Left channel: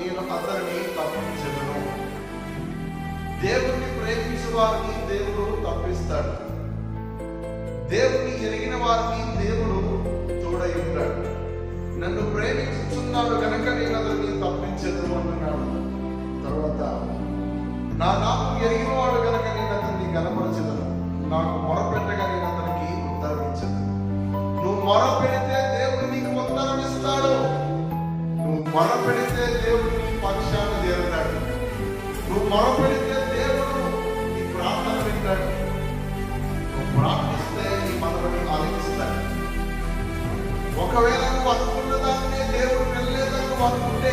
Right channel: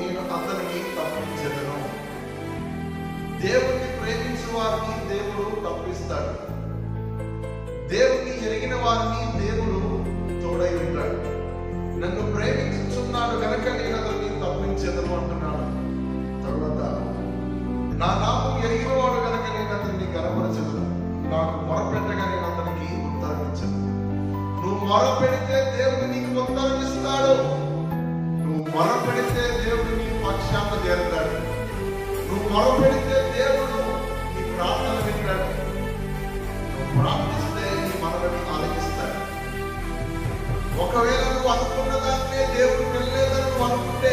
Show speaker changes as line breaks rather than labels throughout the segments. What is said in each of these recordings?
నేను అతనిని తప్పించదను దేవుణ్ణి ప్రేమించే వారిని దేవుడు తప్పిస్తాడు. దేవుణ్ణి ఎరిగిన వారిని దేవుడు తోడై ఉంటాడు. నన్ను ప్రేమించుచున్నాడు కనుక నేను అతన్ని తప్పించెదను అంటున్నాడు. తర్వాత నా నామం ఎరిగిన వాడు కనుక నేను అతన్ని గనపరచదను. నాకు మొరపెట్టగా నేను అతనికి ఉత్తరం ఇచ్చదు నువ్వు మొర పెడితే దేవుడు నీకు ఉత్తరం ఇస్తాడు. నువ్వు మొర పెడితే మొరపెడితే దేవుడు నీ ప్రార్థన వింటాడు. నువ్వు ప్రార్థిస్తే నీ మనవని ఆలకిస్తాడు. ఒకవేళ నువ్వు అనుకున్న దాన్నే దేవుడు వెళ్ళలేదని నువ్వు అనుకుంటే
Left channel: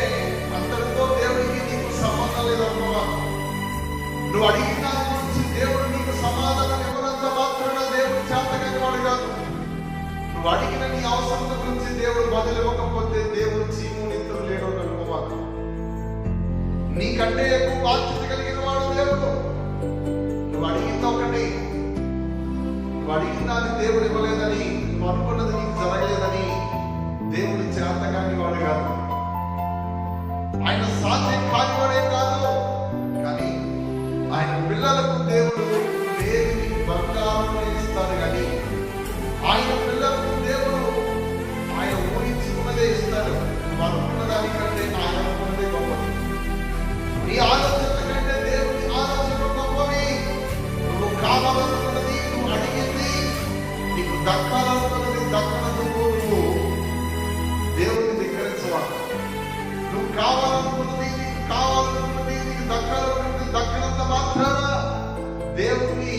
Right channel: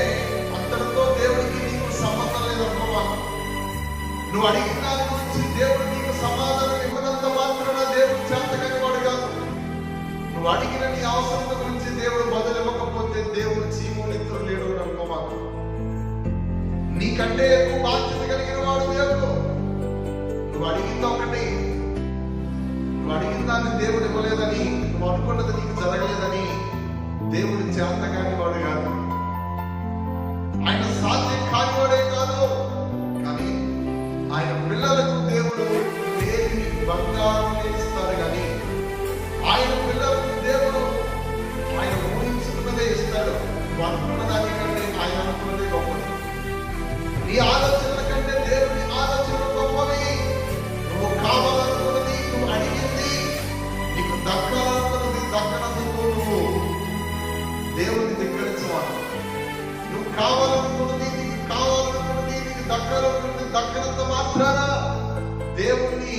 అంతటితో దేవుడికి నీకు సంబంధం లేదనుకోవా నువ్వు అడిగిన దాని గురించి దేవుడు నీకు సమాధానం ఇవ్వనంత మాత్రాన దేవుడు చేతకని వాడు కాదు. నువ్వు అడిగిన నీ అవసరం గురించి దేవుడు బదులు ఇవ్వకపోతే దేవుడు చీము నిద్ర లేడు అనుకోవాలి నీకంటే ఎక్కువ బాధ్యత కలిగిన వాడు దేవుడు. నువ్వు అడిగిందా ఒకటి. నువ్వు అడిగిన దాన్ని దేవుడు ఇవ్వలేదని నువ్వు అనుకున్నది నీకు జరగలేదని దేవుడు చేత కాని వాడు కాదు. ఆయన సాధ్యం కానివాడే కాదు. కానీ ఆయన పిల్లలకు నీకు దక్కనది దక్కనందుకు దేవుని ధిక్కరించవాలి నువ్వు కావాలనుకున్నది నీకు కావాలనుకున్నది నీకు దక్కాలనుకున్నది దక్కనంత మాత్రాన దేవుణ్ణి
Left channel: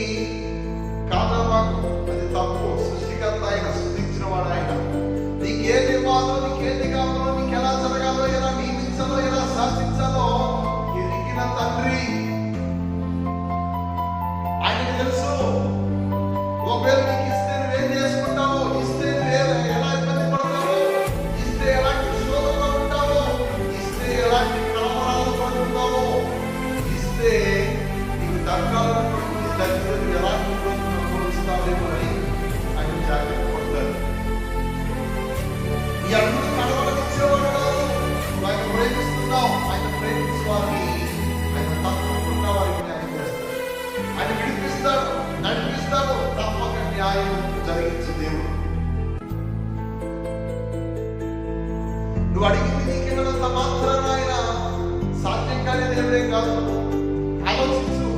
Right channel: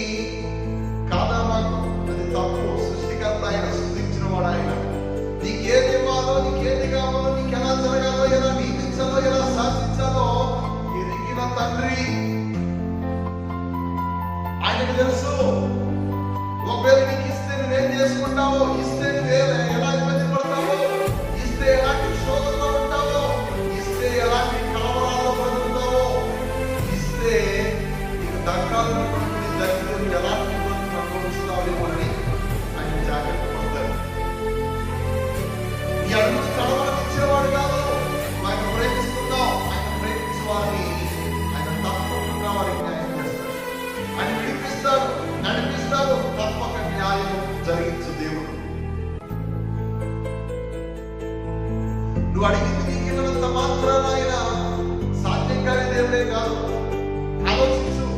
కాదమాకు అది తప్పు. సృష్టికర్త ఆయన సృష్టించిన వాడు ఆయన. నీకేది ఇవ్వాలో నీకేది కావాలో నీకు ఎలా జరగాలో ఎలా నియమించాలో ఎలా శాసించాలో ఎరిగిన తండ్రి. ఆయనకు తెలుసు. ఆయన విడిపిస్తాడు నడిపిస్తాడు తప్పక న్యాయం జరిగించే దేవుడు. నువ్వు అడిగింది నీకేమైనా సమాధానం ఆయన సాధ్యం కాని దేవుడే కాదు. ఆలోచించు.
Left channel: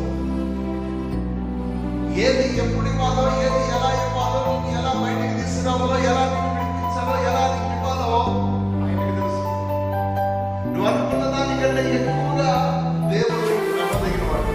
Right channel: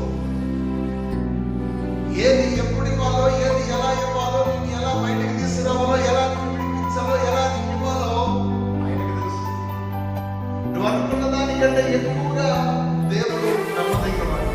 ఏది ఎప్పుడు ఇవ్వాలో ఏది ఎలా ఇవ్వాలో నేను ఎలా బయటకు తీసుకురావాలో ఎలా నువ్వు విడిపించాలో ఎలా నీకు ఇవ్వాలో ఆయనకు తెలుసు. నువ్వు అనుకున్న దానికంటే ఎక్కువగా దేవుడు నమ్మదగిన వాడు